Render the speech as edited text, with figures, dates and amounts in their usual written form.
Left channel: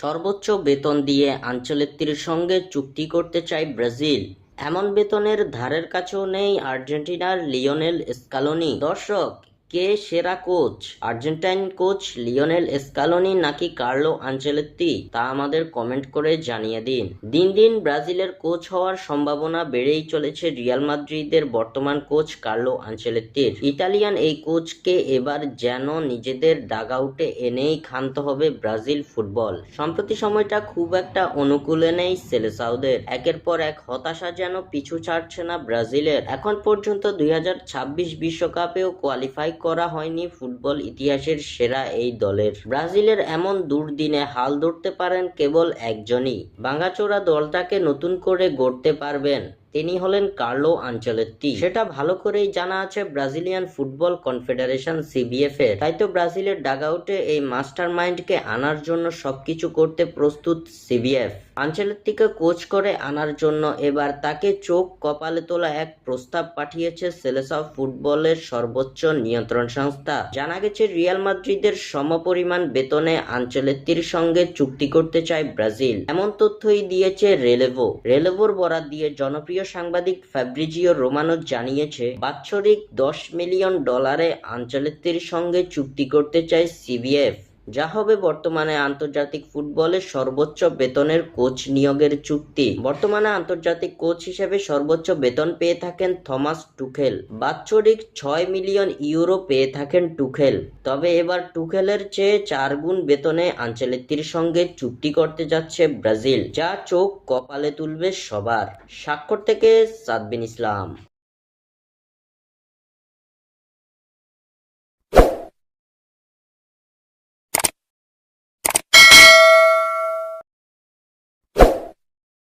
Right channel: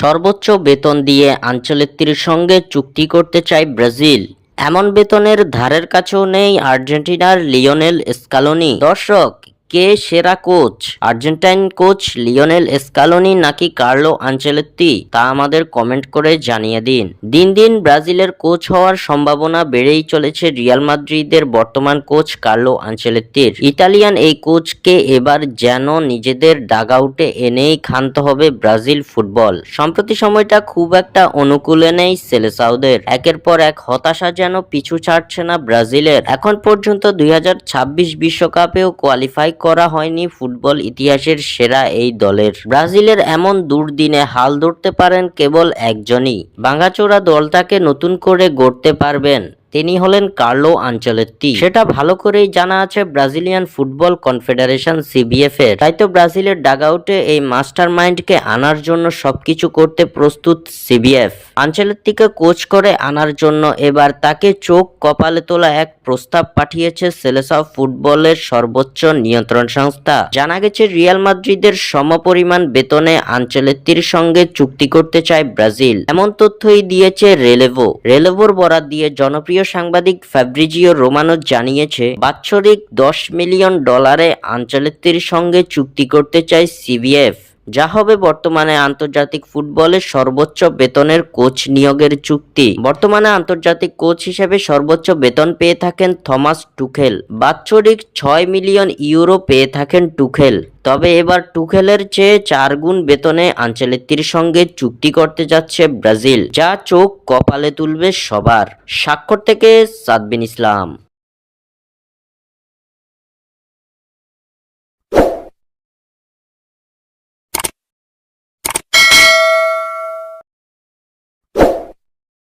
সর্বোচ্চ বেতন দিয়ে আনচেলত্তির সঙ্গে চুক্তি করতে চায় ব্রাজিল। এমন বেতনের ধারের কাছেও নেই আর্জেন্টিনার লিওনেল স্কালোনি। দর্শক, কে সেরা coach, Argentine coach Lionel Scaloni নাকি কার্লো আনচেলত্তি, তা আমাদের কমেন্ট করে জানিয়ে দিন। দিন দিন ব্রাজিলের কোচ হওয়ার সম্ভাবনা বেড়েই চলেছে রিয়াল মাদ্রিদের বর্তমান কোচ কার্লো আনচেলত্তির। ইতালিয়ান এই কোচকে এবার যেন নিজেদের ডাগআউটে এনেই ক্ষান্ত হবে ব্রাজিল ফুটবল। সম্প্রতি সময়টা খুব একটা অনুকূলে নেই সেলেসাওদের। একের পর এক হতাশা যেন পিছু ছাড়ছে না ব্রাজিলের। এখন পর্যন্ত 2026 বিশ্বকাপেও কোয়ালিফাই করা হয়নি ফুটবল ইতিহাসের সেরা এই দলের। ব্রাজিলের এমন দুর্দিনে হাল ধরতে পারেন কেবল একজনই, ভাঙাচোরা দলটাকে নতুন করে গড়তে পারবেন, তিনি হলেন কার্লো আনচেলত্তি। সেটা ভালো করেই জানা আছে ব্রাজিলিয়ান ফুটবল কনফেডারেশন সিবিএফ এর। তাই তো ব্রাজিলের ডাগআউটে এই মাস্টার মাইন্ডকে আনার জন্য সবকিছু করতে প্রস্তুত সিবিএফ। আনচেলত্তিকে কোচ করে আনার জন্য এবার তাকে চোখ কপালে তোলা এক প্রস্তাব পাঠিয়েছে সেলেসাও ফুটবলের সর্বোচ্চ নিয়ন্ত্রণ সংস্থা। জানা গেছে রিয়াল মাদ্রিদের সমপরিমাণ বেতনে আনচেলত্তির সঙ্গে চুক্তি করতে চায় ব্রাজিল। এমন তথ্যই দিয়েছে রেলেভোর বরাত দিয়ে জনপ্রিয় সাংবাদিক ফ্যাব্রিজিও রোমানো জানিয়েছে, বাৎসরিক $10 মিলিয়ন আনচেলত্তির সঙ্গে চুক্তি করতে চায় সিবিএফ, যা হবে বর্তমানে আন্তর্জাতিক ফুটবলের সর্বোচ্চ বেতনের কোচ নিয়োগের চুক্তি। বর্তমানে আন্তর্জাতিক কোচ হিসেবে সর্বোচ্চ বেতন পেয়ে থাকেন থমাস টুখেল। বাৎসরিক €6 মিলিয়ন পেয়ে থাকেন টুখেল। তবে এবার টুখেলের চেয়ে 4 গুণ বেতনে আনচেলত্তির সঙ্গে চুক্তি করতে যাচ্ছে ব্রাজিল, যা চোখ কপালে তুলবে সবার। স্বাক্ষর থেকে সাদবিন ইসলাম।